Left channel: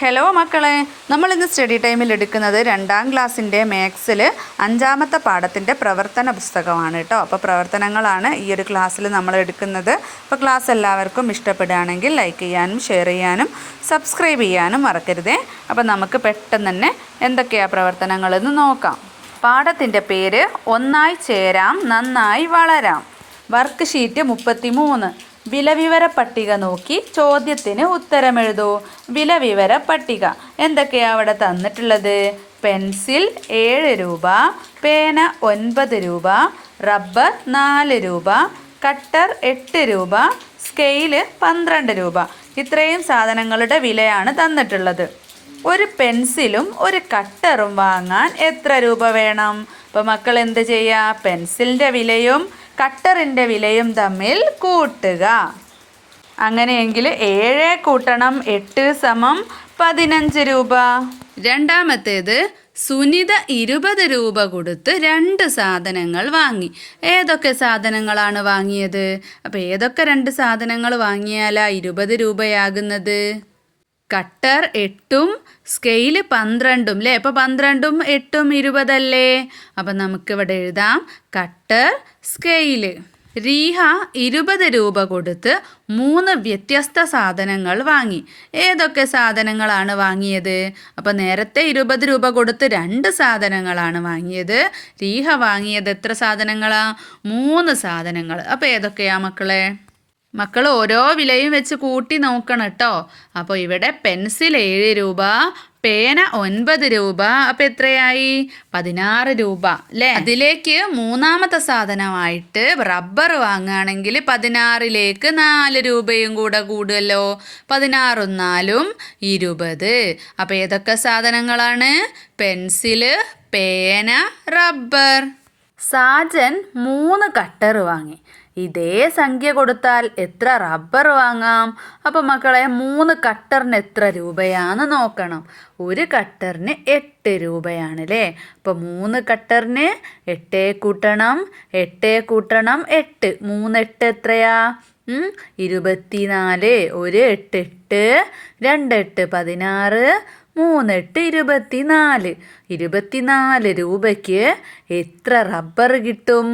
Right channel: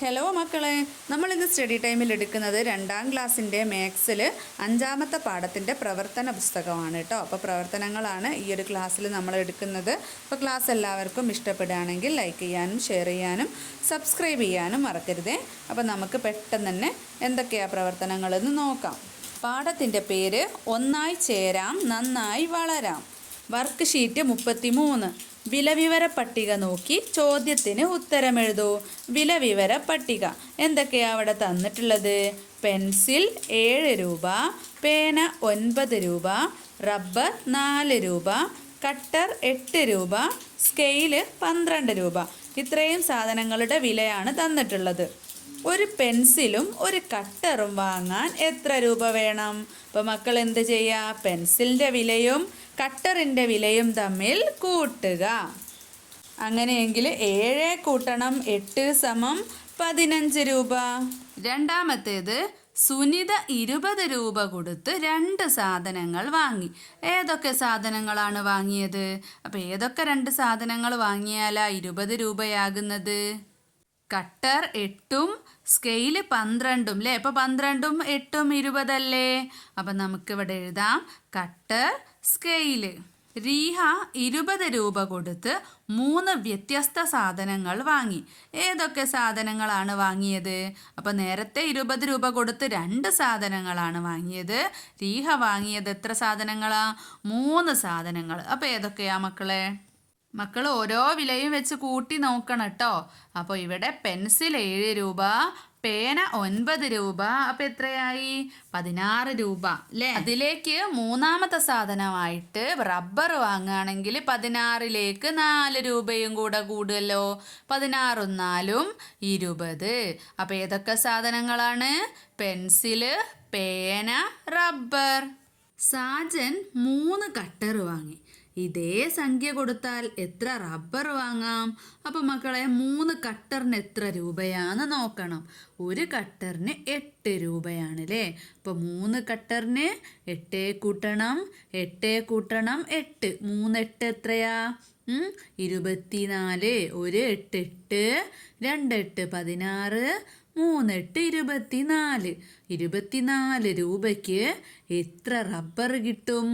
Hello മക്കളെ. നമ്മൾ ഇന്ന് സ്റ്റഡി ടൈമിൽ എടുക്കുന്നത് രണ്ടാം ക്ലാസ്സിന്റെ മാത്സിൽ അഞ്ചാമത്തെ പാഠത്തിന്റെ പ്രവർത്തന പുസ്തകമാണ് കേട്ടോ. അപ്പോൾ പ്രവർത്തനങ്ങളാണ് ഈ ഒരു ക്ലാസ്സിൽ നമ്മൾ എടുക്കുന്നത്. അപ്പോൾ ക്ലാസ് എല്ലാവർക്കും ഇഷ്ടപ്പെടുകയാണെങ്കിൽ ലൈക്ക് ചെയ്യാനും ഷെയർ ചെയ്യാനും സബ്സ്ക്രൈബ് ചെയ്യാനും മറക്കരുതേ. അപ്പോൾ നമുക്ക് പെട്ടെന്ന് തന്നെ എന്തൊക്കെയാണ് പ്രവർത്തനങ്ങളെന്ന് നോക്കാം. പാഠത്തിന്റെ പേര് ഒന്നായി ചേരാം നന്നായി വളരാം. വർക്ക് ഷീറ്റ് മുപ്പത്തി മൂന്ന് വിലവിവര പട്ടിക നോക്കി ചോദ്യത്തിന് ഉത്തരമെഴുതൂ. വിലവിവര പട്ടിക. എന്തൊക്കെയാണ് അവിടെ തന്നിട്ടുള്ളത്? പെൻസിൽ ഏഴ് രൂപ പേന ഒൻപത് രൂപ റബ്ബർ നാല് രൂപ കട്ടർ എട്ട് രൂപ സ്കെയിൽ പന്ത്രണ്ട് രൂപ. ഇത്രയും സാധനങ്ങളുടെ വിലയാണ് തന്നിട്ടുള്ളത്. ഒരു പെൻസിലും ഒരു കട്ടറും വാങ്ങാൻ എത്ര രൂപ വേണം? അപ്പോൾ മക്കൾ എന്ത് ചെയ്യുക പെൻസിലിന്റെ വിലയും കട്ടറിന്റെ വിലയും തമ്മിൽ കൂട്ടുക. അങ്ങനെയെങ്കിൽ ഏഴ് കൂട്ടണം എട്ട് സമം പതിനഞ്ച് രൂപ. രണ്ടാമത്തേത് സുനിത ഇരുപത് രൂപ കൊടുത്ത് രണ്ട് സാധനങ്ങൾ വാങ്ങി. ഏതൊക്കെ സാധനങ്ങളാണ് വാങ്ങിയത്? അപ്പോൾ ഏതൊക്കെ രണ്ട് സാധനങ്ങൾ വാങ്ങിയാലാ ഇരുപത് രൂപയാകുന്നത്? കട്ടർ എട്ടും സ്കെയിൽ പന്ത്രണ്ടും അല്ലേ അപ്പോൾ പന്ത്രണ്ടും എട്ടും ഇരുപതല്ലേ? അപ്പം നമുക്കിവിടെ എഴുതാം. കട്ടർ സ്കെയിൽ റീഹ ഇരുപത് രൂപ കൊടുത്ത് മൂന്ന് വ്യത്യസ്ത സാധനങ്ങൾ വാങ്ങി. ഏതൊക്കെ സാധനങ്ങളാണ് വാങ്ങിയത്? അപ്പോൾ നേരത്തെ ഇരുപത് രൂപ കൊടുത്ത് രണ്ട് സാധനങ്ങളാണ് വാങ്ങിയത്. റീഹ വാങ്ങിയത് എത്ര സാധനങ്ങളാണ് മൂന്ന് സാധനങ്ങൾ. അപ്പോൾ ഏതൊക്കെയാ മക്കളെ? മക്കൾ ഓരോ വിലയും വെച്ച് കൂട്ടി നോക്കണം കേട്ടോ. അപ്പോൾ ഇവിടെ പെൻസിൽ ഏഴ് രൂപ പേന ഒൻപത് രൂപ. അപ്പം എത്രയായി? പതിനാറ് രൂപ അല്ലേ? അതിലേക്ക് മൂന്നാമത്തെ സാധനമായിട്ട് റബ്ബർ വാങ്ങുകയാണെങ്കിൽ പതിനാറിലേക്ക് നാല് രൂപയും കൂടെ കൂടുമല്ലോ പതിനാറും നാലും ഇരുപത്. അപ്പം ഏതൊക്കെ സാധനങ്ങളാണ്? പെൻസിൽ പേന റബ്ബർ. സാജൻ മൂന്ന് കട്ടർ വാങ്ങി. ഇതേ സംഖ്യ കൊടുത്താൽ എത്ര റബ്ബർ വാങ്ങാം? അപ്പം മക്കളെ മൂന്ന് കട്ടറിന് എത്ര രൂപയാണ് നോക്കണം. ഒരു കട്ടറിന് എട്ട് രൂപയാണല്ലേ? അപ്പോൾ മൂന്ന് കട്ടറിന് എട്ടേ കൂട്ടണം എട്ടേ കൂട്ടണം എട്ട്. മൂന്ന് എട്ട് എത്രയാ? ഇരുപത്തിനാല്. ഒരു എട്ട് എട്ട് രണ്ട് എട്ട് പതിനാറ് മൂന്നെട്ട് ഇരുപത്തിനാല്. ഇരുപത്തിനാല് രൂപയ്ക്ക് എത്ര റബ്ബർ കിട്ടും?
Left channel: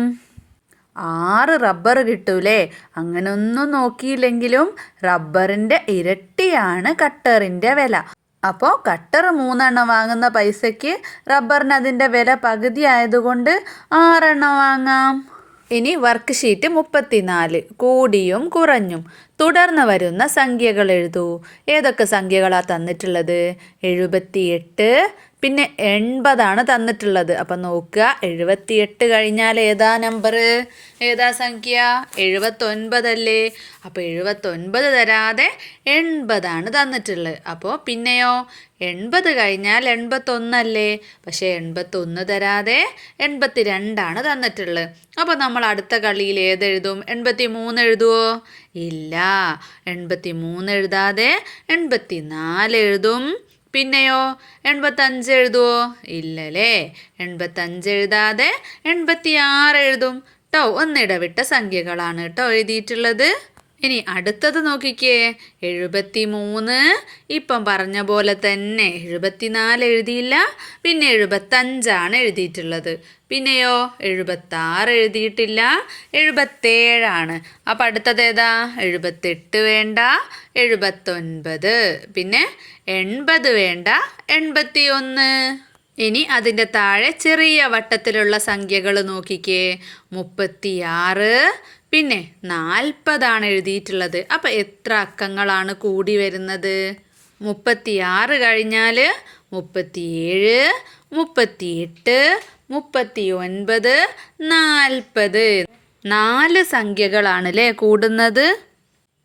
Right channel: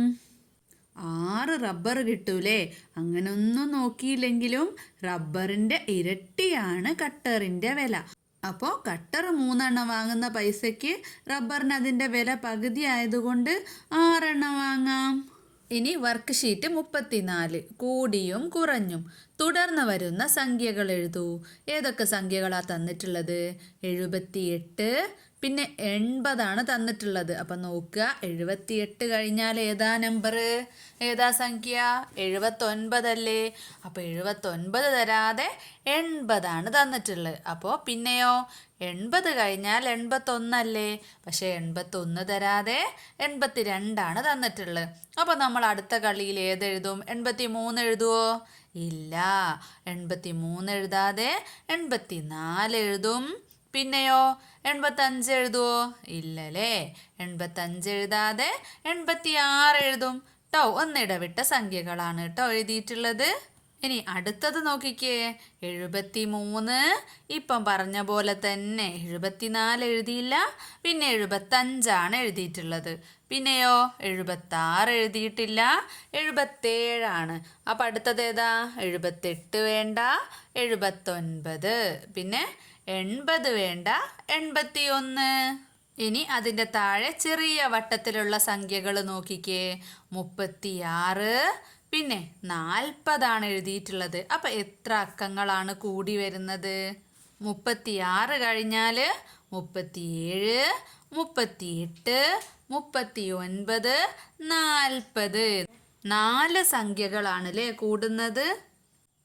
ആറ് റബ്ബർ കിട്ടൂലേ? അങ്ങനൊന്നും നോക്കിയില്ലെങ്കിലും റബ്ബറിന്റെ ഇരട്ടിയാണ് കട്ടറിന്റെ വില. അപ്പോൾ കട്ടർ മൂന്നെണ്ണം വാങ്ങുന്ന പൈസയ്ക്ക് റബ്ബറിന് അതിന്റെ വില പകുതി ആയതുകൊണ്ട് ആറെണ്ണം വാങ്ങാം. ഇനി വർക്ക് ഷീറ്റ് മുപ്പത്തിനാല്. കൂടിയും കുറഞ്ഞും. തുടർന്ന് വരുന്ന സംഖ്യകൾ എഴുതൂ. ഏതൊക്കെ സംഖ്യകളാണ് തന്നിട്ടുള്ളത്? എഴുപത്തിയെട്ട് പിന്നെ എൺപതാണ് തന്നിട്ടുള്ളത്. അപ്പം നോക്കുക എഴുപത്തിയെട്ട് കഴിഞ്ഞാൽ ഏതാ നമ്പർ ഏതാ സംഖ്യ? എഴുപത്തൊൻപതല്ലേ? അപ്പോൾ എഴുപത്തൊൻപത് തരാതെ എൺപതാണ് തന്നിട്ടുള്ളത്. അപ്പോൾ പിന്നെയോ എൺപത് കഴിഞ്ഞാൽ എൺപത്തൊന്നല്ലേ? പക്ഷേ എൺപത്തൊന്ന് തരാതെ എൺപത്തി രണ്ടാണ് തന്നിട്ടുള്ളത്. അപ്പോൾ നമ്മൾ അടുത്ത കളിയിൽ ഏതെഴുതും എൺപത്തി മൂന്ന് എഴുതുമോ ഇല്ല. എൺപത്തി മൂന്ന് എഴുതാതെ എൺപത്തി നാല് എഴുതും. പിന്നെയോ എൺപത്തഞ്ച് എഴുതുവോ? ഇല്ലല്ലേ. എൺപത്തഞ്ച് എഴുതാതെ എൺപത്തി ആറ് എഴുതും. കേട്ടോ ഒന്നിടവിട്ട സംഖ്യകളാണ് കേട്ടോ എഴുതിയിട്ടുള്ളത്. ഇനി അടുത്തത് നോക്കിക്കേ. എഴുപത്തി മൂന്ന് ഇപ്പം പറഞ്ഞ പോലെ തന്നെ എഴുപത്തിനാല് എഴുതിയില്ല. പിന്നെ എഴുപത്തഞ്ചാണ് എഴുതിയിട്ടുള്ളത്. പിന്നെയോ? എഴുപത്താറ് എഴുതിയിട്ടില്ല. എഴുപത്തേഴാണ്. അപ്പം അടുത്തത് ഏതാ? എഴുപത്തെട്ട് വേണ്ട. എഴുപത്തൊൻപത്. പിന്നെ എൺപത് വേണ്ട. എൺപത്തി ഒന്ന് ഇനി അതിന്റെ താഴെ ചെറിയ വട്ടത്തിലുള്ള സംഖ്യകൾ നോക്കിക്കേ. മുപ്പത്തിയാറ്. പിന്നെ നാൽപ്പതാണ് എഴുതിയിട്ടുള്ളത്. അപ്പം എത്ര അക്കങ്ങളാണ് കൂടി വരുന്നത്? മുപ്പത്തിയാറ് കഴിഞ്ഞാൽ മുപ്പത്തിയേഴ് മുപ്പത്തിയെട്ട് മുപ്പത്തി ഒൻപത് നാൽപ്പത്. നാല് സംഖ്യകളാണ് അല്ലേ കൂടുന്നത്?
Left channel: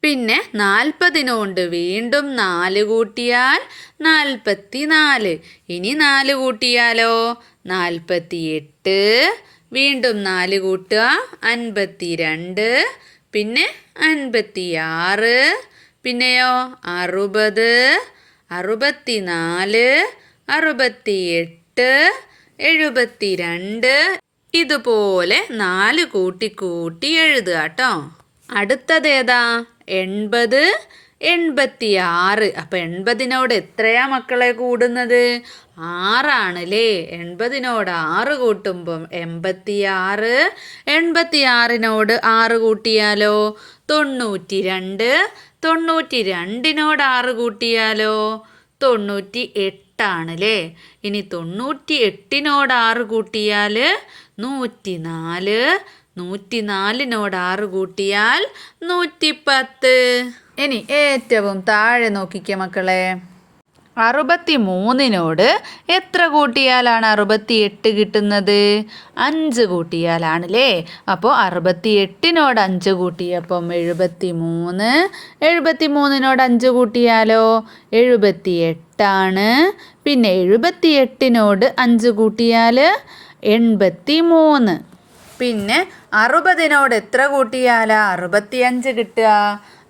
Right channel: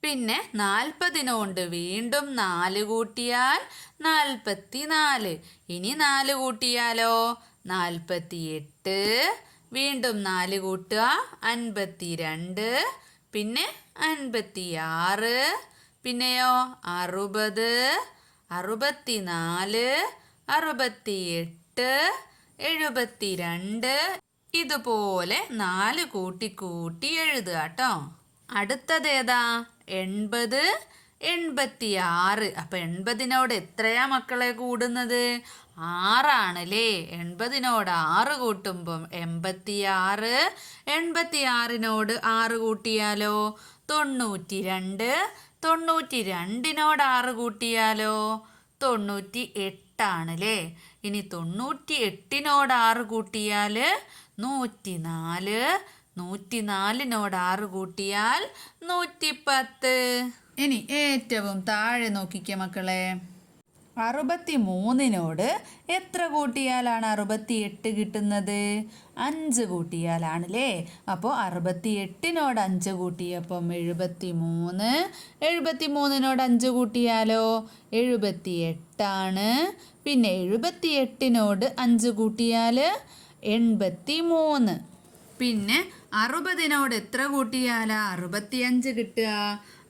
പിന്നെ നാൽപ്പതിനോണ്ട് വീണ്ടും നാല് കൂട്ടിയാൽ നാൽപ്പത്തി നാല് ഇനി നാല് കൂട്ടിയാലോ? നാൽപ്പത്തി എട്ട് വീണ്ടും നാല് കൂട്ടുക അൻപത്തി രണ്ട് പിന്നെ അൻപത്തി ആറ് പിന്നെയോ അറുപത് അറുപത്തി നാല് അറുപത്തി എട്ട് എഴുപത്തി രണ്ട് ഇതുപോലെ നാല് കൂട്ടി കൂട്ടി എഴുതുക കേട്ടോ. അടുത്തതേതാ? എൺപത് എൺപത്തി ആറ് അപ്പം എൺപതിനോട് എത്രയാ മക്കളെ കൂടുന്നത്? ആറാണ് അല്ലേ എൺപതിനോട് ആറ് കൂട്ടുമ്പം എൺപത്തി ആറ് എൺപത്തി ആറിനോട് ആറ് കൂട്ടിയാലോ? തൊണ്ണൂറ്റി രണ്ട് തൊണ്ണൂറ്റി രണ്ടിനോട് ആറ് കൂട്ടിയാലോ? തൊണ്ണൂറ്റി എട്ടാണ് അല്ലേ ഇനി തൊണ്ണൂറ്റി എട്ടിനോട് ആറ് കൂട്ടിയാൽ നൂറ്റി നാല് നൂറ്റി നാലിനോട് ആറ് കൂട്ടിയാൽ നൂറ്റി പത്ത് ഇനി ഏറ്റവും താഴെ നോക്കിക്കേ മക്കളെ. അറുപത്തി മൂന്നിനോട് എത്ര കൂട്ടിയാലാണ് അറുപത്തി എട്ട് കിട്ടുന്നത്? അഞ്ച് കൂട്ടിയാലാണല്ലേ? അപ്പോൾ അറുപത്തി എട്ടിനോട് അഞ്ച് കൂട്ടിയപ്പം എഴുപത്തി മൂന്ന് എഴുപത്തി മൂന്നിനോട് അഞ്ച് കൂട്ടിയാലോ? എഴുപത്തി എട്ടാണ് പിന്നെ എഴുപത്തി എട്ടിനോട് അഞ്ച് കൂട്ടിയാൽ എൺപത്തി മൂന്ന് പിന്നെ അറുപതിനോട് എത്ര കൂട്ടിയാലാ? അറുപത്തിയഞ്ച് കിട്ടുക.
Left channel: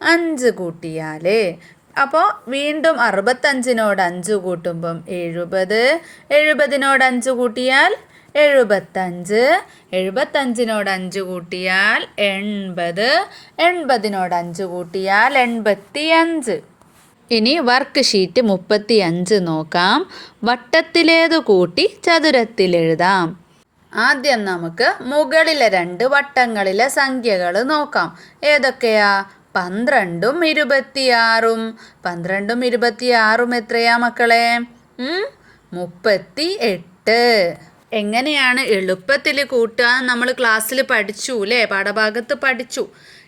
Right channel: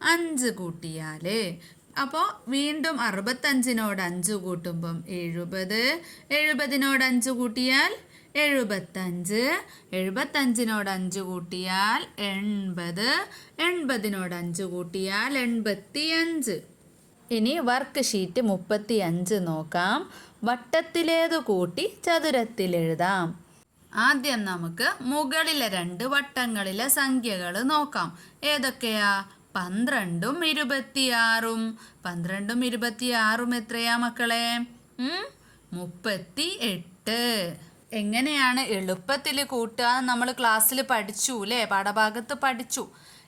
അഞ്ച് കൂട്ടിയാലേ. അപ്പോൾ വീണ്ടും അറുപത്തഞ്ചിനോട് അഞ്ച് കൂട്ടുമ്പം എഴുപത്. എഴുപതിനോട് അഞ്ച് കൂട്ടിയാൽ എഴുപത്തഞ്ച്. എഴുപത്തഞ്ചിനോട് അഞ്ച് കൂട്ടിയാൽ എൺപത്. എൺപതിനോട് അഞ്ച് കൂട്ടിയാൽ എൺപത്തി അഞ്ച് ഇനി വർക്ക് ഷീറ്റ് മുപ്പത്തി അഞ്ച് നോക്കാം. വട്ടത്തിലേത് കൂട്ടി ചതുരത്തിലെഴുതാം ആദ്യം നമുക്ക് മുകളിലെ രണ്ട് വട്ടങ്ങളിലെ സംഖ്യകൾ നോക്കാം. ഏതൊക്കെയാ? പന്ത്രണ്ടും ഇരുപത്തിയാറും. പന്ത്രണ്ടും ഇരുപത്തിയാറും എത്രയാ മക്കളെ? മുപ്പത്തി എട്ട് എങ്ങനെയാണ് എളുപ്പത്തിൽ കൂട്ടുക നമ്മൾ ക്ലാസ്സിൽ പഠിച്ചു അല്ലേ പാഠഭാഗത്ത് പഠിച്ചു.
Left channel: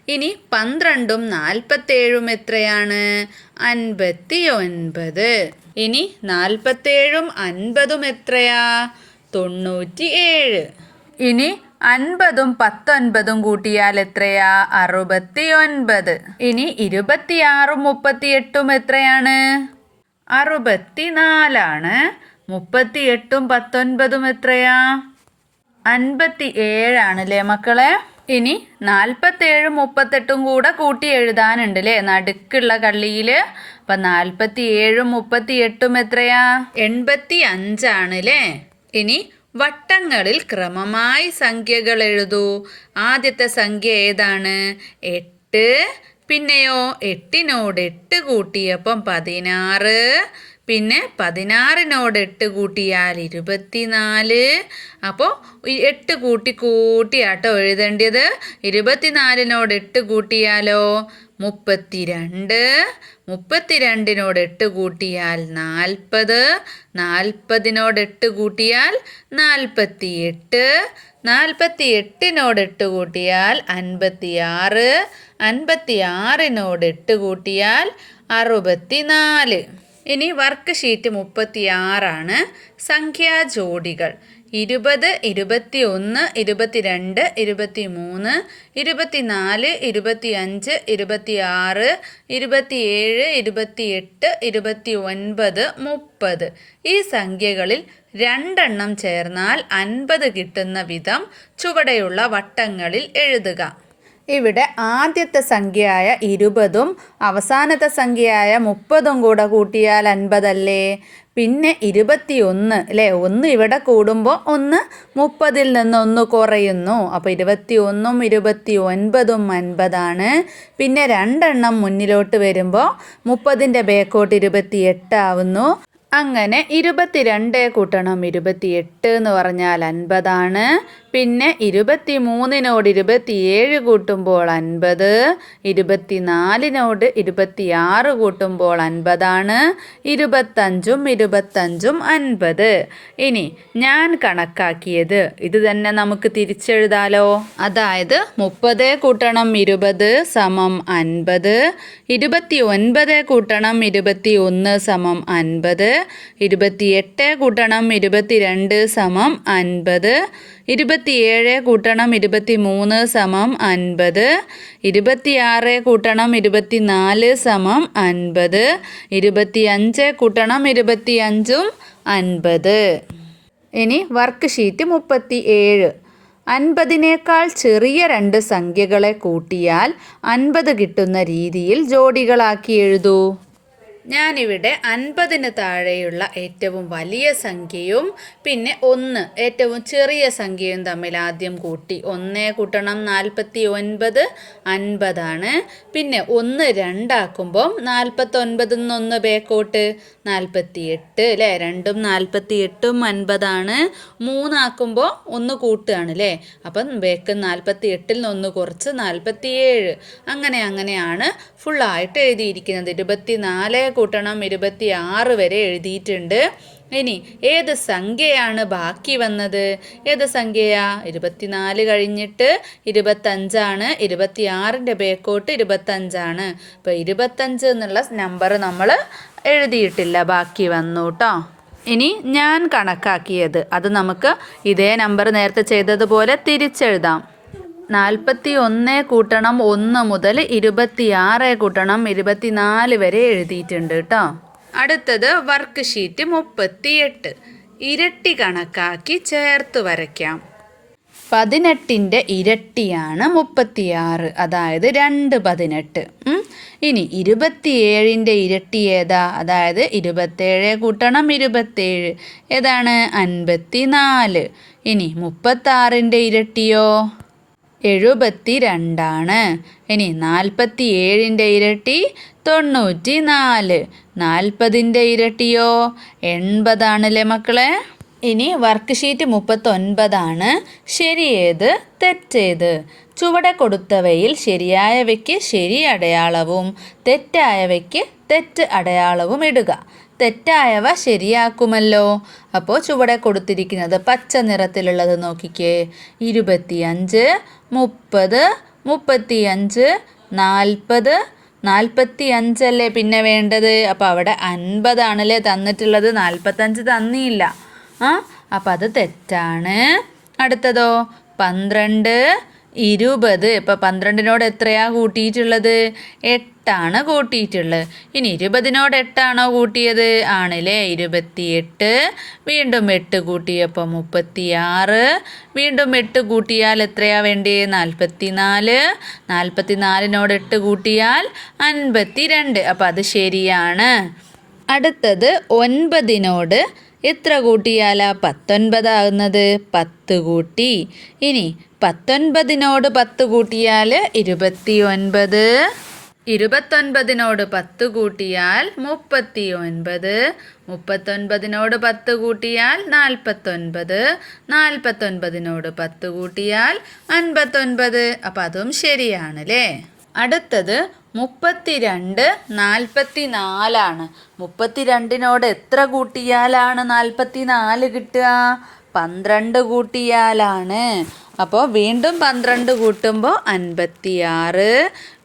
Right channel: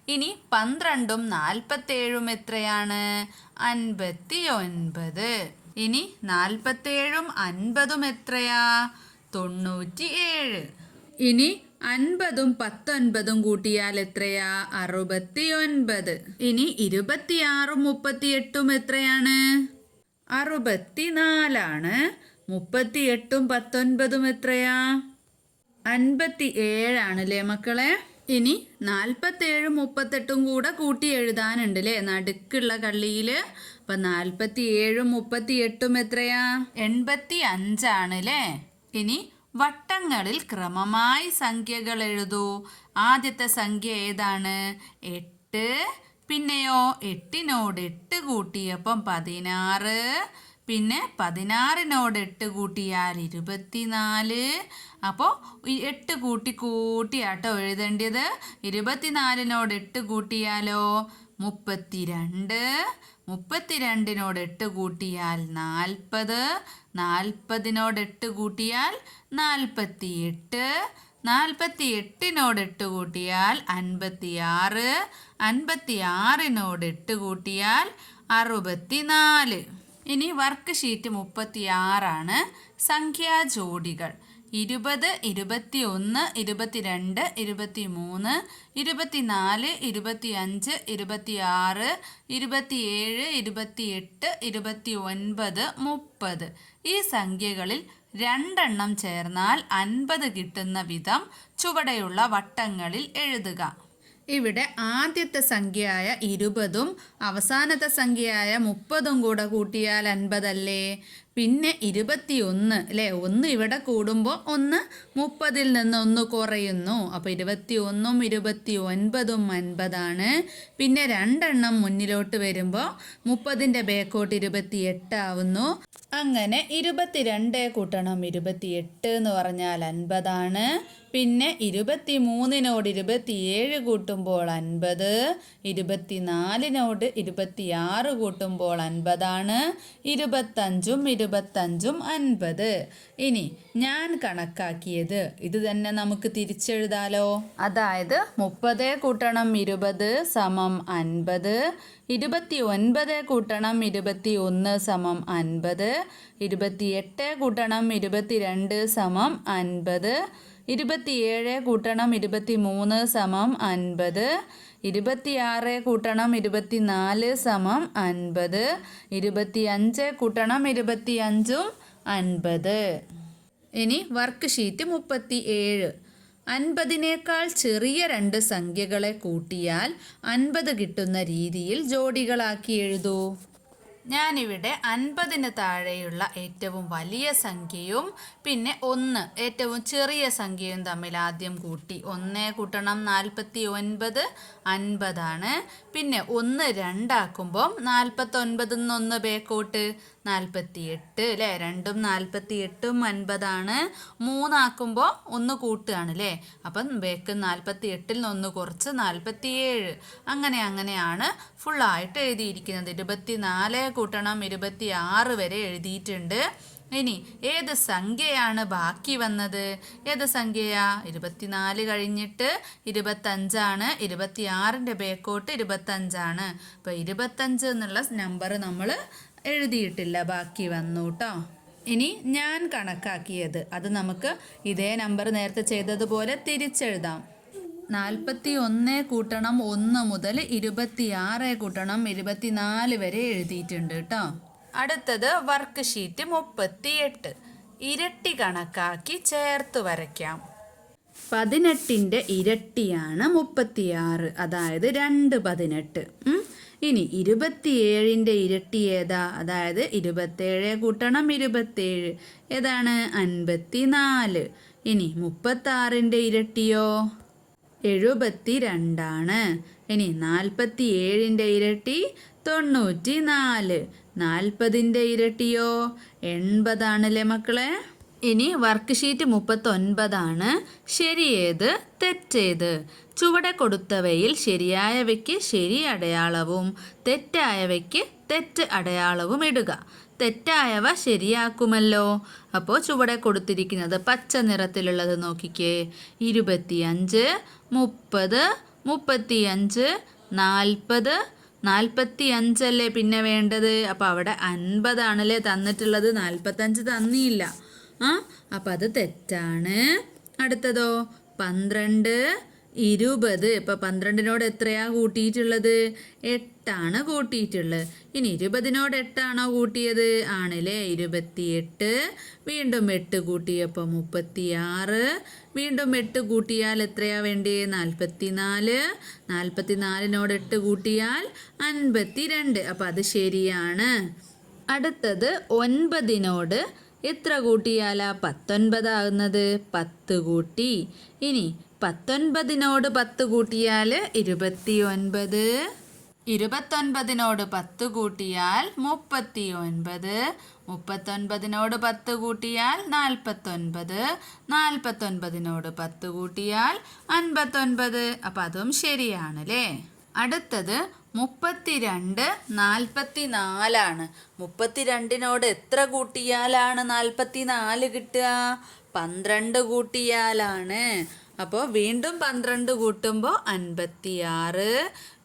ഇനി പന്ത്രണ്ടും നാൽപ്പത്തേഴും എത്രയാണ്? അൻപത്തി ഒൻപത് ഇനി നാൽപ്പത്തേഴും അൻപതും എത്രയാ? തൊണ്ണൂറ്റി ഏഴ് ഇനി അൻപതും പത്തൊൻപതും കൂട്ടിയാൽ എത്രയാ? അറുപത്തി ഒൻപത് ഇനി ഇരുപത്തിയാറും മുപ്പത്തിയെട്ടും എത്രയാണ്? അറുപത്തിനാലാണ്. മുപ്പത്തിയെട്ടും പത്തൊൻപതും എത്രയാ? അൻപത്തി ഏഴാണ് അല്ലേ മക്കളെ? ഇനി നാൽപ്പത്തേഴും മുപ്പത്തെട്ടും കൂടെ കൂട്ടി എഴുതാനുണ്ട് അല്ലേ നടുക്കുള്ള കള്ളിയിൽ അപ്പം നാൽപ്പത്തി ഏഴും മുപ്പത്തി എട്ടും എത്രയാ? എൺപത്തി അഞ്ചാണ് അല്ലേ ഇനി വട്ടങ്ങളിൽ ക്രമമായി സംഖ്യകൾ എഴുതൂ. ആദ്യത്തെ സംഖ്യ ഏതാണ്? എട്ട്. പിന്നെയോ എട്ടിനോട് എട്ട് കൂട്ടിയപ്പം പതിനാറ്. പിന്നെ പതിനാറിനോട് എട്ട് കൂട്ടിയാൽ ഇരുപത്തിനാല്. അപ്പോൾ എട്ട് കൂട്ടി കൂട്ടിയാട്ടോ എഴുതേണ്ടത്. ഇരുപത്തിനാലിനോട് എട്ട് കൂട്ടിയാലോ മുപ്പത്തിരണ്ട്. മുപ്പത്തിരണ്ടിനോട് എട്ട് കൂട്ടിയാൽ നാൽപ്പത്. നാൽപ്പതിനോട് എട്ട് കൂട്ടിയാൽ നാൽപ്പത്തി എട്ട് നാൽപ്പത്തി എട്ടിനോട് എട്ട് കൂട്ടിയാൽ അൻപത്തി ആറ് അൻപത്തി ആറിനോട് എട്ട് കൂട്ടിയാൽ അറുപത്തി നാല് ഇനി വർക്ക് ഷീറ്റ് മുപ്പത്തി ആറാണ് സംഖ്യാ ജോഡികൾ. ഇരുപത് ഇരുപത്തി ഒന്ന് ഇരുപത്തിരണ്ട് ഇരുപത്തി മൂന്ന് ഇരുപത്തിനാല് ഇരുപത്തി അഞ്ച് ഇരുപത്തി ഇരുപത്തിയെട്ട് ഇരുപത്തി ഒൻപത് മുപ്പത്. ഈ സംഖ്യകളിൽ രണ്ടെണ്ണം ചേർന്നാൽ അൻപത് കിട്ടുന്ന വിധം ചുവടെയുള്ള വട്ടങ്ങളിൽ എഴുതുക. ഇവിടെ ആദ്യത്തെ സംഖ്യയായ ഇരുപതും അവസാനത്തെ സംഖ്യയായ മുപ്പതും കൂടെ കൂട്ടിയാൽ അൻപതല്ലേ? പിന്നെ ഇരുപത്തിയൊന്ന് അല്ലേ ഒന്ന് ഇവിടെ കൂടുമ്പോൾ ഒന്ന് മുപ്പതിൽ നിന്ന് ഒന്ന് കുറയുന്നു. അപ്പോൾ ഇരുപത്തി ഒന്നും ഇരുപത്തി ഒൻപതും അൻപതാണ്. പിന്നെ രണ്ടെണ്ണം മുന്നിലോട്ട് വരുമ്പോൾ മുപ്പതിന്റെ ബേക്കോട്ട് ഇരുപത്തി എട്ടാവുന്നു അങ്ങനെ ഇരുപത്തിരണ്ട് കൂട്ടണം. ഇരുപത്തിയെട്ട് എന്ന് പറഞ്ഞാൽ അൻപതാണ്. പിന്നെ ഇരുപത്തി മൂന്നിനോട് ഇരുപത്തിയേഴ് കൂട്ടുമ്പോൾ അൻപത് ഇരുപത്തിനാലിനോട് ഇരുപത്തിയാറ് കൂട്ടുമ്പോൾ അൻപതാണ് ഇരുപത്തഞ്ചും ഇരുപത്തഞ്ചും അൻപത്. ഇനി ഞാൻ കണക്കാക്കിയത് ഇത് തന്നെ നമുക്ക് തിരിച്ചെഴുതാലോ. അതായത് മുപ്പത് കൂട്ടണം ഇരുപത് സമം അൻപത് ഇരുപത്തി ഒൻപത് കൂട്ടണം ഇരുപത്തി ഒന്ന് സമം അൻപത് ഇരുപത്തിയെട്ട് കൂട്ടണം ഇരുപത്തിരണ്ട് സമം അൻപത് ഇരുപത്തിയേഴ് കൂട്ടണം ഇരുപത്തി മൂന്ന് സമം അൻപത് ഇരുപത്തിയാറ് കൂട്ടണം ഇരുപത്തിനാല് സമം അൻപത് ഇരുപത്തിയഞ്ച് കൂട്ടണം ഇരുപത്തിയഞ്ചും അൻപത്. ഇനി വർക്ക് ഷീറ്റ് മുപ്പത്തി ഏഴ് അൻപതിനേക്കാൾ ചെറിയ രണ്ട് സംഖ്യകളെ കൂട്ടിയാൽ അൻപത് കിട്ടുന്ന രീതിയിൽ ജോഡികളാക്കി എഴുതൂ. ഞാനിവിടെ അൻപതിന് താഴെയുള്ള ഏറ്റവും വലിയ സംഖ്യയും പിന്നെ ഒന്ന് ഏറ്റവും ചെറിയ സംഖ്യയും തമ്മിൽ ആദ്യം കൂട്ടി. ഒന്ന് കൂട്ടണം നാൽപ്പത്തി ഒൻപത് അൻപതാണ്. പിന്നെ ഒന്ന് രണ്ടാക്കുമ്പം നാൽപ്പത്തൊൻപതിൽ നിന്നൊന്ന് ബേക്കോട്ട്. നാൽപ്പത്തി എട്ട് അല്ലേ രണ്ടും നാൽപ്പത്തി എട്ടും അൻപതാണ്. മൂന്നാക്കുമ്പോൾ ഒന്ന് കൂട്ടുകയാണ് അല്ലേ അപ്പം ബേക്ക് നാൽപ്പത്തി എട്ടിൽ നിന്ന് ഒന്ന് കുറച്ച് നാൽപ്പത്തി ഏഴ് അങ്ങനെ അങ്ങനെയാണ് ഫുള്ളായിട്ട് എഴുതിയിരിക്കുന്നത്. ഇരുപത്തി നാല് കൂട്ടണം ഇരുപത്തി ആറ് വരെ എഴുതിയിട്ടുണ്ട്. ഇനി ഏത് സംഖ്യയാണ് ബാക്കി വന്നത്? ഏത് സംഖ്യയാ? ഇരുപത്തിനാല് കഴിഞ്ഞിട്ട് ഇരുപത്തഞ്ചാണ്. ഇരുപത്തി ആറിന്റെ ബേക്കോട്ട് ഇരുപത്തഞ്ചാണ്. അപ്പോൾ ഇരുപത്തഞ്ച് എന്നുള്ള നമ്പർ നമ്മൾ എഴുതിയിട്ടില്ല. ബാക്കി വന്നു കേട്ടോ ഇനി ഞാൻ കണക്കാക്കിയത്. അത് നമുക്ക് ഇതേ നമ്പർ നേരത്തെ ചെയ്തതുപോലെ തിരിച്ചെഴുതാം. നാൽപ്പത്തി ഒന്ന് കൂട്ടണം ഒന്ന് മുതൽ ഇരുപത്തിയാറ് കൂട്ടണം. ഇരുപത്തിനാല് വരെ എഴുതിയിട്ടുണ്ട് കേട്ടോ അടുത്തത് വർക്ക് ഷീറ്റ് മുപ്പത്തിയെട്ട്. ഇരട്ടി കണക്കാക്കി ചേർത്ത് വരയ്ക്കാം. പതിനെട്ടിന്റെ ഇരട്ടിയാണ് മുപ്പത്തിയാറ്. അതായത് രണ്ട് പതിനെട്ട്. ഇനി ഇരുപത്തിയേഴിന്റെ ഇരട്ടി ഏതാ? അതായത് ഇരുപത്തേഴ് കൂട്ടണം ഇരുപത്തേഴ്. ഏതാണ്? അൻപത്തി നാല് ഇനി മുപ്പത്താറിന്റെ ഇരട്ടിയോ? എഴുപത്തി രണ്ടാണ് ഇനി നാൽപ്പത്തി ഏഴിന്റെ ഇരട്ടി തൊണ്ണൂറ്റി നാല് നാൽപ്പതിന്റെ ഇരട്ടിയോ? എൺപതാണല്ലേ മക്കളെ? ഇനി വർക്ക് ഷീറ്റ് മുപ്പത്തൊൻപതാണ്. ശരിയേത് തെറ്റേത്. ചുവടെ കൊടുത്തവയിൽ ശരിയായവയ്ക്ക് ശരി അടയാളവും തെറ്റായവയ്ക്ക് തെറ്റ് അടയാളവും ഇടുക. തെറ്റായവ ശരിയാക്കുമല്ലോ. അപ്പോൾ ചുവടെ കൊടുത്തിരിക്കുന്നത് പച്ച നിറത്തിലുള്ളത് നോക്കിക്കേ. ഇരുപത്തിയഞ്ച് മുപ്പത് മുപ്പത്തിയഞ്ച് നാൽപ്പത് നാൽപ്പത്തി അഞ്ചല്ലേ പിന്നെ വേണ്ടത്? അപ്പോൾ അവിടെ അൻപതാണല്ലേ തന്നിട്ടുള്ളത്. നാൽപ്പത്തഞ്ച് തന്നിയില്ല. ആ അപ്പം അത് തെറ്റാണ്. അടുത്തതോ? പന്ത്രണ്ട് ഇരുപത്. ഇപ്പം പന്ത്രണ്ടിനോട് എത്രയാണ് കൂട്ടിയിട്ടുള്ളത്? എട്ടാണ് കൂട്ടിയിട്ടുള്ളത്. ഇനി ഇരുപതിനോട് എട്ടാണോ കൂട്ടിയത്? ആണല്ലേ ഇരുപത്തിയെട്ട്. വീണ്ടും എട്ട് കൂട്ടിയപ്പോൾ മുപ്പത്തിയാറ്. വീണ്ടും എട്ട് കൂട്ടിയാൽ എത്രയാ വേണ്ടേ? നാൽപ്പത്തി നാലിനോട് എട്ട് കൂട്ടിയാൽ അൻപത്തി രണ്ട് അപ്പം അത് ശരിയാണ്. അടുത്തത് ഒൻപതിനോട് എത്ര കൂട്ടിയാലാ പത്തൊൻപതാകുന്നത്? പത്ത് കൂട്ടി. ഇനി പത്തൊൻപതിനോട് പത്ത് കൂട്ടിയാൽ ഇരുപത്തി ഒൻപത് ഇരുപത്തൊൻപതിനോട് പത്ത് കൂട്ടിയാൽ മുപ്പത്തി ഒൻപത് മുപ്പത്തൊൻപതിനോട് പത്ത് കൂട്ടിയാൽ നാൽപ്പത്തൊൻപത്. നാൽപ്പത്തൊൻപതിനോട് പത്ത് കൂട്ടിയാൽ അൻപത്തൊൻപത്. അപ്പം അതും ശരിയാണ് അല്ലേ അടുത്തത് മുപ്പത്തിരണ്ട് നാൽപ്പത്തി നാലാണ് മുപ്പത്തിരണ്ടിനോട് എത്ര കൂട്ടിയാലാണ് നാൽപ്പത്തി നാല് കിട്ടുക? പന്ത്രണ്ട് കൂട്ടിയാലാണ്. അപ്പോൾ വീണ്ടും പന്ത്രണ്ട് കൂട്ടുമ്പോൾ അൻപത്തിയാറ്.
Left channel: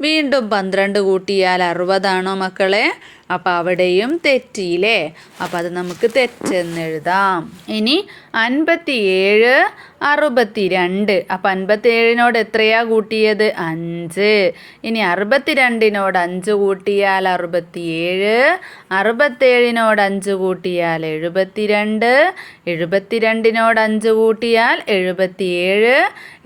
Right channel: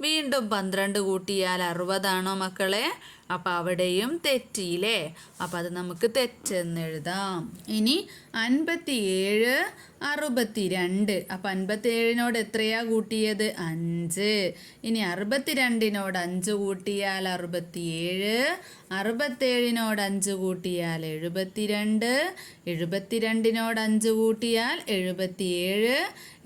വീണ്ടും പന്ത്രണ്ട് കൂട്ടിയാൽ അറുപതാണോ മക്കളെ? അപ്പോൾ അവിടെയും തെറ്റിയില്ലേ? അപ്പോൾ അത് നമുക്ക് തെറ്റെന്ന് എഴുതാം. ഇനി അൻപത്തിയേഴ് അറുപത്തി രണ്ട് അപ്പം അൻപത്തിയേഴിനോട് എത്രയാ കൂട്ടിയത്? അഞ്ച്. ഇനി അറുപത്തിരണ്ടിനോട് അഞ്ച് കൂട്ടിയാൽ അറുപത്തിയേഴ്. അറുപത്തേഴിനോട് അഞ്ച് കൂട്ടിയാൽ എഴുപത്തിരണ്ട്. എഴുപത്തിരണ്ടിനോട് അഞ്ച് കൂട്ടിയാൽ എഴുപത്തിയേഴ്.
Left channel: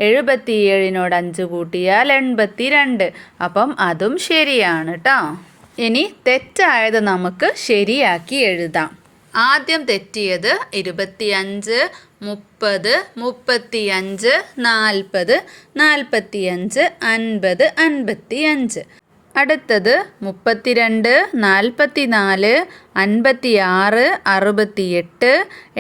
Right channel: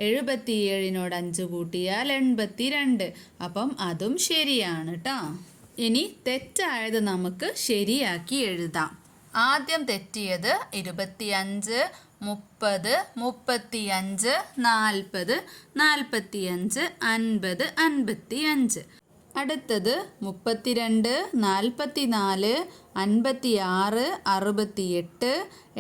എഴുപത്തിയേഴിനോട് അഞ്ച് കൂട്ടിയാൽ എൺപത്തി രണ്ട് അപ്പം അതും ശരിയാണ് കേട്ടോ ഇനി തെറ്റായത് നമുക്ക് ശരിയാക്കി എഴുതാം. ആദ്യം തെറ്റിയത് ഇരുപത്തിയഞ്ച് മുപ്പത് മുപ്പത്തിയഞ്ച് നാൽപ്പത് നാൽപ്പത്തിയഞ്ച് അൻപത് അൻപത്തിയഞ്ച്. അടുത്തത് മുപ്പത്തിരണ്ട് നാൽപ്പത്തി നാല് അൻപത്തി ആറ് അറുപത്തിയെട്ട്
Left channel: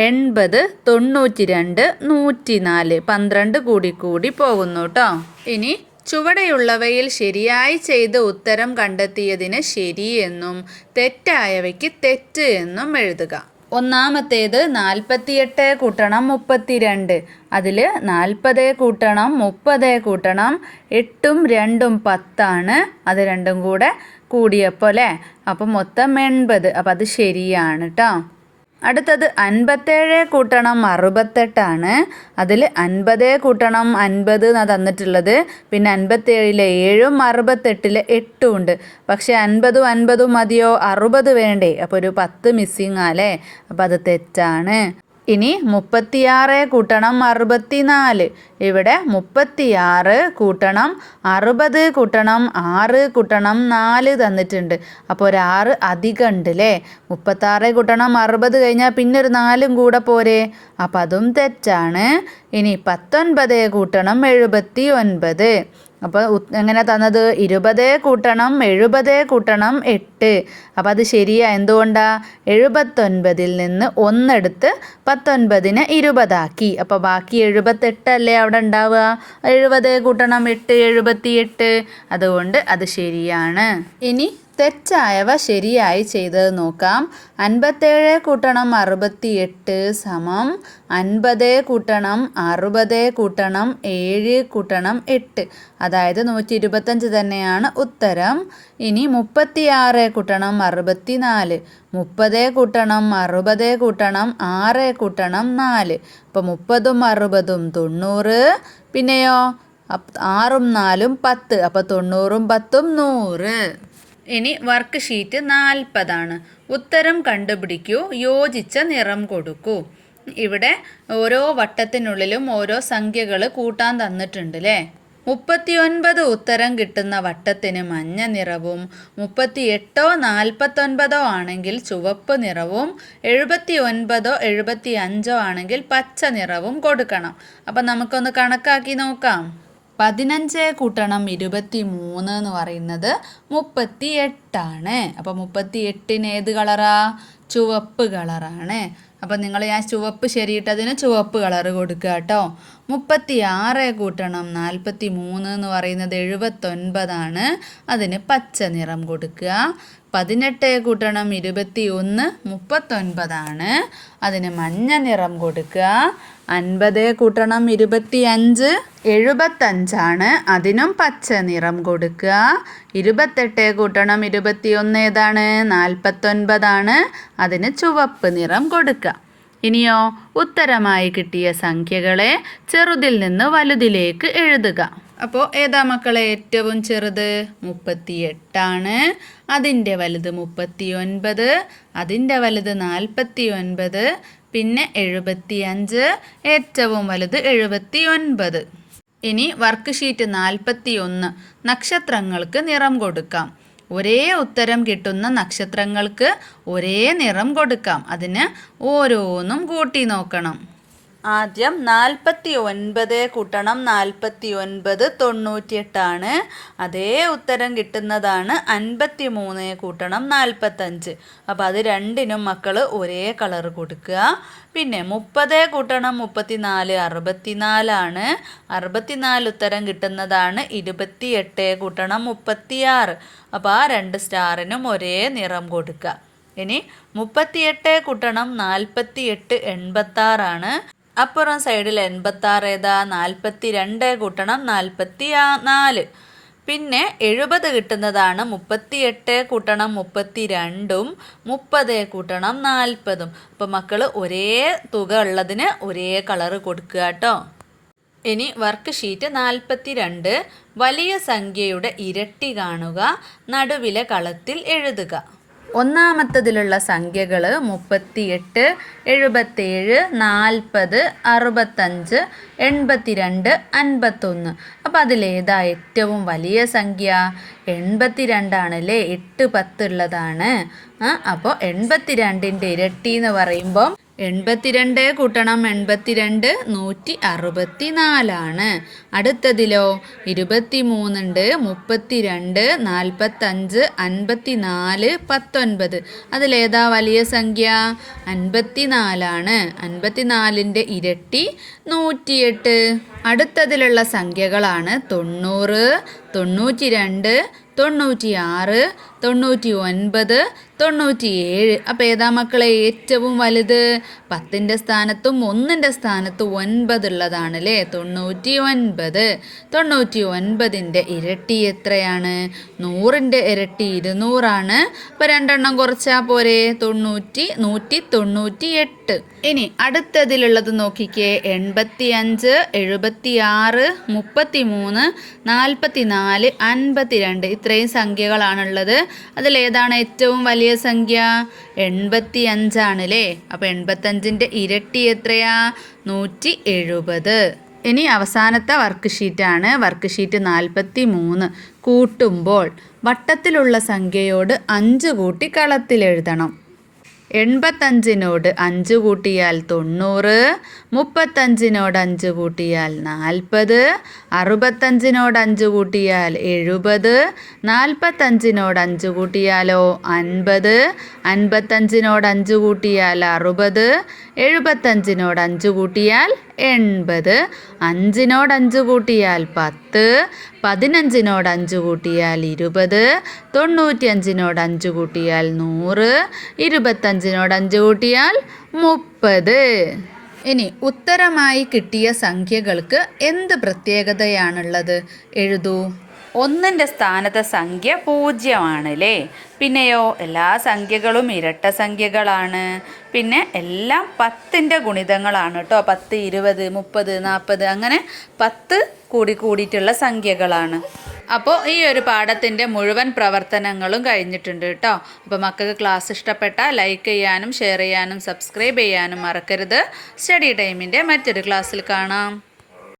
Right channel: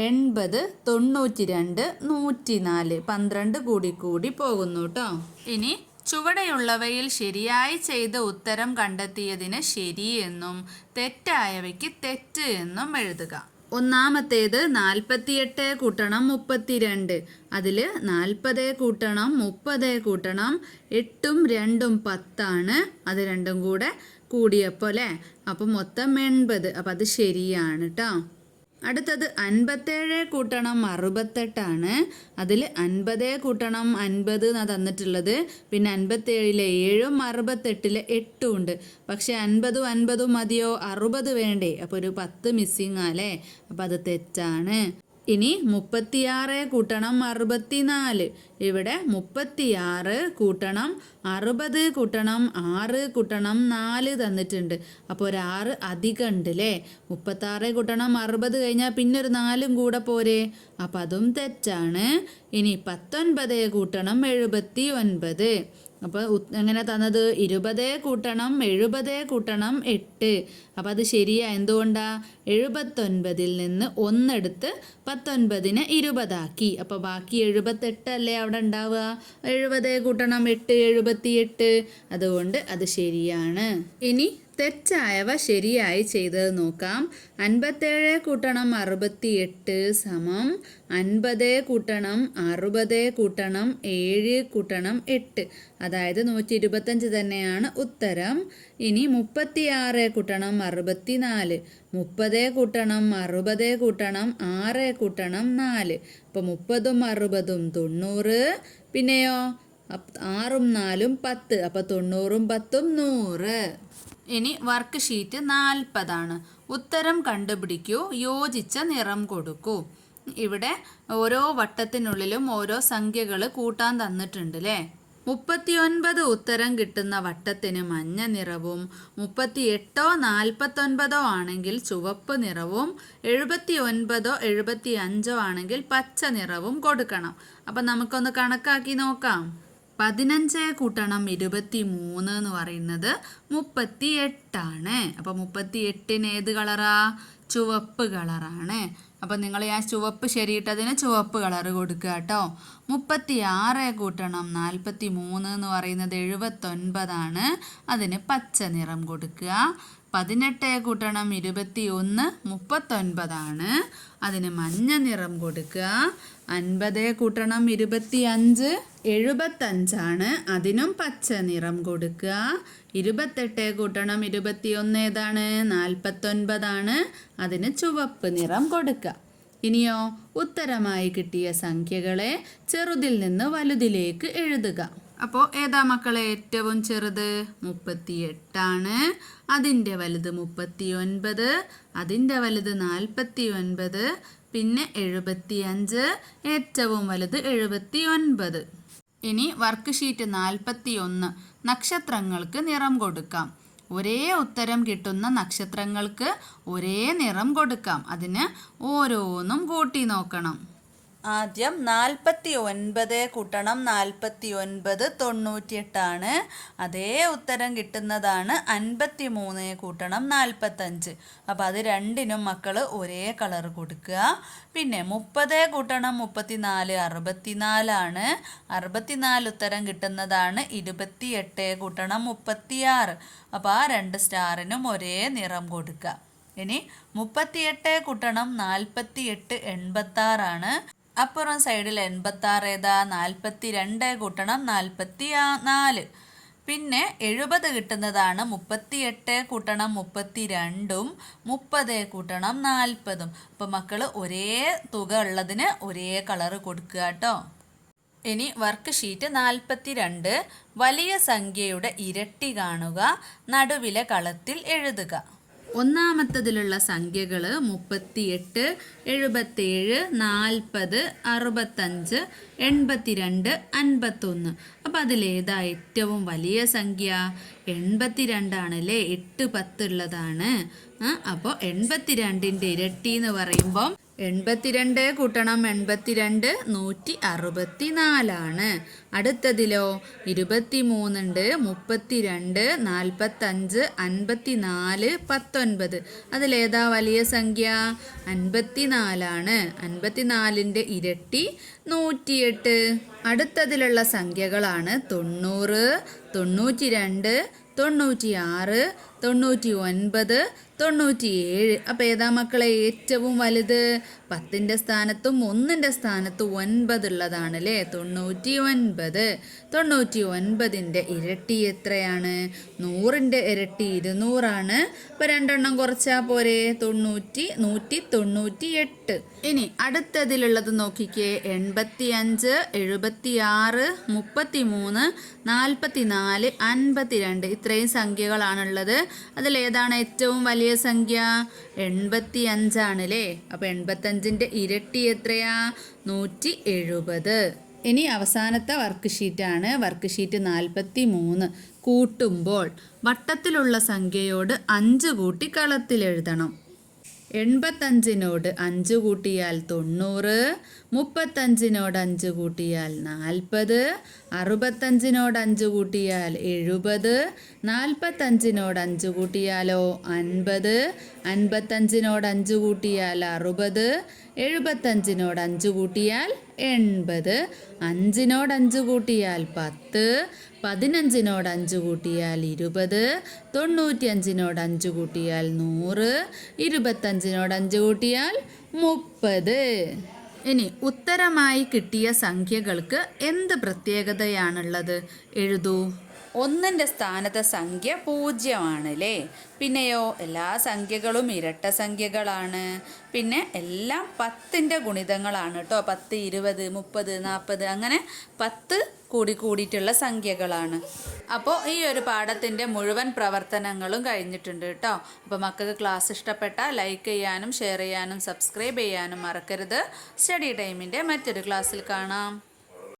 എൺപത് തൊണ്ണൂറ്റി രണ്ട് നൂറ്റി നാല് പന്ത്രണ്ട് കൂടി കൂടി പോകുന്നു കേട്ടോ. ഇനി ചുവടെയുള്ളവയിൽ ശരിയായി ചെയ്ത് ഉത്തരം കണ്ടെത്തിയതിന് ശരിയെന്നും തെറ്റായവയ്ക്ക് തെറ്റ് എന്നും എഴുതുക. ഒന്നാമത്തേത് നാൽപ്പത്തിയെട്ട് കൂട്ടണം മുപ്പത്തിരണ്ട്. അതിൽ നാൽപ്പത് കൂട്ടണം മുപ്പത് കൂട്ടണം എട്ടും രണ്ടും പത്താണ്. അത് രണ്ടും കൂടെ കൂടിയപ്പോൾ അല്ലേ അപ്പം മൊത്തം എൺപത്. അപ്പം അത് ശരിയാണ് കേട്ടോ അടുത്തത് അൻപത്തേഴ് കൂട്ടണം അറുപത്തെട്ടാണ്. അതിൽ അൻപത് കൂട്ടണം അൻപത് എന്നാണ് തന്നിട്ടുള്ളത്. പിന്നെ അൻപത്തേഴിലെ ഏഴും അറുപത്തെട്ടിലെ എട്ടും ഉണ്ട്. പക്ഷേ അൻപതും അൻപതും മതിയോ? അറുപത് വേണ്ടേ. അപ്പോൾ ഒരു പത്ത് മിസ്സിങ് ആലേ അപ്പോൾ അത് തെറ്റാണ്. ഇനി മുപ്പത്തിയാറ് കൂട്ടണം അറുപത്തിനാല്. ഇവിടെ മുപ്പത്തിയാറ് കൂട്ടണം അറുപത് കൂട്ടണം ആറ് കൂട്ടണം നാല് തന്നിട്ടുണ്ട്. അപ്പോൾ ഒരു ആറ് അധികം ഉണ്ട് അല്ലേ മുപ്പത്താറ് കൂട്ടണം അറുപത് കഴിഞ്ഞാൽ പിന്നെ ഒരു നാലും കൂടെ പോരെ? അപ്പം അതും തെറ്റാണ്. ഇനി പത്തൊൻപത് കൂട്ടണം എഴുപത്തി ഒൻപത് അപ്പോൾ എങ്ങനെ തന്നത്? ഇരുപത് കൂട്ടണം എഴുപത് കൂട്ടണം എട്ട്. അപ്പോൾ അത് ശരിയാ എന്തുകൊണ്ടാ? എഴുപത്തൊൻപതിൽ നിന്ന് ഒന്നെടുത്ത് പത്തൊൻപതിനെ ഇരുപതാക്കി. അപ്പോൾ ബാക്കി എഴുപത്തെട്ടല്ലേ അവിടെ ഉണ്ടാവുക? എഴുപത് കൂട്ടണം എട്ട് എഴുപത്തി എട്ട് അതുകൊണ്ട് അത് ശരിയാണ്. ഇനി തെറ്റായവ ശരിയായി ചെയ്തത് നോക്കാം. അൻപത്തേഴ് കൂട്ടണം അറുപത്തിയെട്ട് സമം. അൻപത് കൂട്ടണം അറുപത് കൂട്ടണം ഏഴ് കൂട്ടണം എട്ട്. അതായത് നൂറ്റി ഇരുപത്തഞ്ച് തന്നെയാണ് ഉത്തരം. ഇനി മുപ്പത്തിയാറ് കൂട്ടണം അറുപത്തിനാല്. മുപ്പത് കൂട്ടണം അറുപത് കൂട്ടണം ആറ് കൂട്ടണം നാല്. അപ്പോൾ മുപ്പതും അറുപതും തൊണ്ണൂറ്. പിന്നെയോ? ആറും നാലും പത്ത്. അപ്പോൾ തൊണ്ണൂറും പത്തും നൂറ്. ഇനി വർക്ക് ഷീറ്റ് നാൽപ്പതാണ്. ഉത്തരം കണ്ടുപിടിക്കൂ യോജിച്ച നിറം കൊടുക്കൂ. ഇവിടെ ഓരോ വട്ടത്തിനുള്ളിലും ഓരോ സംഖ്യകൾ കൂട്ടാൻ തന്നിട്ടുണ്ട് അല്ലേ മുപ്പത്തിയൊൻപത് ഉത്തരം കിട്ടുന്ന വട്ടത്തിന് മഞ്ഞ നിറവും മുപ്പത്തി എട്ടോ നാൽപ്പത്തൊൻപതോ ആണെങ്കിൽ ചുവപ്പ് നിറവും എഴുപത്തി ഒൻപതോ എഴുപത്തി അഞ്ചോ ആണെങ്കിൽ പച്ച നിറവും കൊടുക്കണം. അപ്പം നമുക്കൊന്ന് കണക്കാക്കി നോക്കാം. പതിനഞ്ച് കൂട്ടണം ഇരുപത്തി മൂന്ന് എന്ന് പറയുന്നത് മുപ്പത്തി എട്ടാണ് അപ്പോൾ മുപ്പത്തി എട്ടിന് ഏത് കളറാ? ചുവപ്പ് കളറാണ്. അപ്പോൾ നിങ്ങൾ ഞാൻ ചുവപ്പ് ശരിയിട്ടതിന് ചുവപ്പ് കളർ കൊടുക്കുക കേട്ടോ. മുപ്പത്തി ആറ് കൂട്ടണം നാൽപ്പത്തി മൂന്ന് എന്ന് പറയുന്നത് എഴുപത്തൊൻപതാണ്. അതിന് പച്ച നിറം കൊടുക്കുക. പതിനെട്ട് കൂട്ടണം ഇരുപത്തി ഒന്ന് മുപ്പത്തൊൻപതാണ്. അതിന് മഞ്ഞ നിറം കൊടുക്കുക. അൻപത് കൂട്ടണം ഇരുപത്തി അഞ്ച് എഴുപത്തഞ്ചാണ്. അതിനും പച്ച നിറം കൊടുക്കുക. ഇരുപത്തെട്ട് കൂട്ടണം ഇരുപത്തി ഒന്ന് ഏതാണ്? നാൽപ്പത്തൊൻപതാണ്. അതിന് ചുവപ്പ് നിറം കൊടുക്കുക. ഇനിയോ ഉത്തരമായി കിട്ടിയ സംഖ്യകളെ ചെറുതിൽ നിന്ന് വലുതിലേക്ക് എഴുതുക. അപ്പോൾ ഏതാ മക്കളെ ഏറ്റവും ചെറുത്? മുപ്പത്തി എട്ടാണ് അതിന്റെ വലുത് മുപ്പത്തി ഒൻപത് അതിന്റെ വലുത് നാൽപ്പത്തി ഒൻപത് പിന്നെ എഴുപത്തി അഞ്ച് ഏറ്റവും വലുത് എഴുപത്തി ഒൻപത് ഇനി വർക്ക് ഷീറ്റ് നാൽപ്പത്തി ഒന്ന് നക്ഷത്രങ്ങൾക്ക് നിറം കൊടുക്കാം. ഒരേ ഉത്തരം കിട്ടുന്ന നക്ഷത്രങ്ങൾക്ക് ഒരേ നിറം കൊടുക്കാം. അതിന് ഓരോന്നും കൂട്ടി നോക്കണം. ആദ്യം നാൽപ്പത്തി ഒൻപത് കൂട്ടണം. നാൽപ്പത്തി ഒൻപത് തൊണ്ണൂറ്റിയെട്ടാണ്. അതേ ഉത്തരം കിട്ടുന്നതാണ് അൻപത്തി മൂന്ന് കൂട്ടണം നാൽപ്പത്തഞ്ച് അപ്പോൾ അത് രണ്ടിനും മക്കൾ ഒരേ കളർ കൊടുക്കുക. പിന്നെ മുപ്പത് കൂട്ടണം മുപ്പത്തിനാല് അറുപത്തിനാലാണ്. അറുപത്തിനാല് ഉത്തരം കിട്ടുന്നതാണ് ഇരുപത്തിയെട്ട് കൂട്ടണം മുപ്പത്തിയാറ്. അപ്പോൾ ആ രണ്ട് സ്റ്റാറിനും ഒരേ നിറം കൊടുക്കുക. ഇനി മുപ്പത്തിയെട്ട് കൂട്ടണം നാൽപ്പത്തിയെട്ട് എൺപത്താറാണ്. അപ്പുറം സൈഡിൽ എൺപത്താറ് ഏതാ നാൽപ്പത്തി രണ്ട് കൂട്ടണം നാൽപ്പത്തി നാല് പിന്നെ എഴുപത് കിട്ടുന്നതാണ് മുപ്പത്തി എട്ട് കൂട്ടണം മുപ്പത്തി രണ്ടും മുപ്പത് കൂട്ടണം നാൽപ്പതും. അപ്പം മക്കൾ ഒരേ തുക ഉള്ളതിന് ഒരേ കളറ് കൊടുക്കുക കേട്ടോ. ഇനി വർക്ക് ഷീറ്റ് നാൽപ്പത്തി രണ്ട് വലിയ സംഖ്യയുടെ ഇരട്ടി കാണുക നടുവിലെ കളത്തിൽ എഴുതുക. ഒന്നാമത്തതിലുള്ള സംഖ്യകൾ മുപ്പത്തിയെട്ട് എഴുപത്തേഴ് നാൽപ്പത് അറുപത്തഞ്ച് എൺപത്തിരണ്ട് അൻപത്തൊന്ന്. അപ്പോൾ അതിലേതാ ഏറ്റവും വലിയ സംഖ്യ? എൺപത്തിരണ്ടാണല്ലേ? എട്ട് പത്തുള്ളതാണ് അപ്പോൾ എൺപത്തിരണ്ടിന്റെ ഇരട്ടി എന്ന് പറയുമ്പോൾ എൺപത്തിരണ്ട് കൂട്ടണം എൺപത്തിരണ്ട് നൂറ്റി അറുപത്തി നാലാണ് അടുത്തതിലോ ഇരുപത്തി മൂന്നുണ്ട് മുപ്പത്തിരണ്ട് നാൽപ്പത്തഞ്ച് അൻപത്തി നാല് പത്തൊൻപത്. അതിലേതാ വലിയ സംഖ്യ? അൻപത്തി നാലാണ് അൻപത്തി നാലിന്റെ ഇരട്ടി നൂറ്റിയെട്ട്. അടുത്തതിലുള്ള സംഖ്യകളാണ് തൊണ്ണൂറ് തൊണ്ണൂറ്റി രണ്ട് തൊണ്ണൂറ്റി ആറ് തൊണ്ണൂറ്റി ഒൻപത് തൊണ്ണൂറ്റി ഏഴ് അപ്പോൾ ഏതാ മക്കളെ ഏറ്റവും വലുത്? പത്തിന്റെ സ്ഥാനത്തും ഒന്നിന്റെ സ്ഥാനത്തും ഒൻപതുള്ളതാണ് അല്ലേ തൊണ്ണൂറ്റി ഒൻപത് തൊണ്ണൂറ്റി ഒൻപതിന്റെ ഇരട്ടി എത്രയാണ്? നൂറിന്റെ ഇരട്ടി ഇരുന്നൂറാണ്. അപ്പോൾ രണ്ടെണ്ണം കുറച്ചാൽ പോരെ? തൊണ്ണൂറ്റി നൂറ്റി തൊണ്ണൂറ്റി എട്ട് ഇനി അടുത്തതിലുള്ളത് നോക്കിക്കേ. എൺപത്തി അഞ്ച് എഴുപത്തി ആറ് മുപ്പത്തി മൂന്ന് നാൽപ്പത്തി നാല് അൻപത്തി രണ്ട് ഇത്രയും സംഖ്യകളാണുള്ളത്. അതിലേതാണ് ഏറ്റവും വലിയ സംഖ്യ? എൺപത്തി അഞ്ചാണ് അല്ലേ അപ്പോൾ എൺപത്തഞ്ചിന്റെ ഇരട്ടി എത്രയാ? നൂറ്റി എഴുപത് ഇനി അവസാനത്തെ വർക്ക് ഷീറ്റാണ് വർക്ക് ഷീറ്റ് നാൽപ്പത്തി മൂന്ന് കൂട്ടുമ്പോൾ വട്ടത്തിലുള്ള സംഖ്യയോട് അഞ്ച് കൂട്ടി കളത്തിലെഴുതണം. എൺപത്തഞ്ചിനോട് അഞ്ച് കൂട്ടിയാൽ തൊണ്ണൂറ് മുപ്പത്തഞ്ചിനോട് അഞ്ച് കൂട്ടിയാൽ നാൽപ്പത് അറുപത്തഞ്ചിനോട് അഞ്ച് കൂട്ടിയാൽ എഴുപത് നാൽപ്പത്തഞ്ചിനോട് അഞ്ച് കൂട്ടിയാലോ അൻപത് അൻപത്തഞ്ചിനോട് അഞ്ച് കൂട്ടിയാൽ അറുപത് എഴുപത്തഞ്ചിനോട് അഞ്ച് കൂട്ടിയാൽ എൺപത്. അഞ്ചിനോട് അഞ്ച് കൂട്ടിയാൽ പത്ത്. പതിനഞ്ചിനോട് അഞ്ച് കൂട്ടിയാൽ ഇരുപത്. തൊണ്ണൂറ്റിയഞ്ചിനോട് അഞ്ച് കൂട്ടിയാൽ നൂറ്. ഇരുപത്തഞ്ചിനോട് അഞ്ച് കൂട്ടിയാൽ മുപ്പത്. ഇനി ഉത്തരമായി കിട്ടിയ സംഖ്യകൾക്ക് എന്ത് പ്രത്യേകതയാണുള്ളത്? എഴുതൂ. ഒന്നിന്റെ സ്ഥാനത്തെ സംഖ്യ പൂജ്യമാണ് അല്ലേ പിന്നെയോ എല്ലാ സംഖ്യകളും ഇരട്ട സംഖ്യകളാണ്. പിന്നെ എല്ലാം പത്തിന്റെ ഗുണിതങ്ങളാണ് കേട്ടോ. പത്ത് ഇരുപത് മുപ്പത് നാൽപ്പത് അങ്ങനെ പത്ത് കൂടി കൂടിയിട്ടുള്ള സംഖ്യകളാണ്. അപ്പോൾ ഈ ഒരു പാഠത്തിന്റെ മുഴുവൻ പ്രവർത്തനങ്ങളും കഴിഞ്ഞിട്ടുണ്ട് കേട്ടോ. അപ്പോൾ മക്കൾക്ക് ക്ലാസ് ഇഷ്ടപ്പെട്ട ലൈക്ക് ചെയ്യാനും ഷെയർ ചെയ്യാനും സബ്സ്ക്രൈബ് ചെയ്യാനും മറക്കരുത്. സ്റ്റഡി ടൈമിന്റെ മറ്റൊരു ക്ലാസ്സിൽ കാണാം.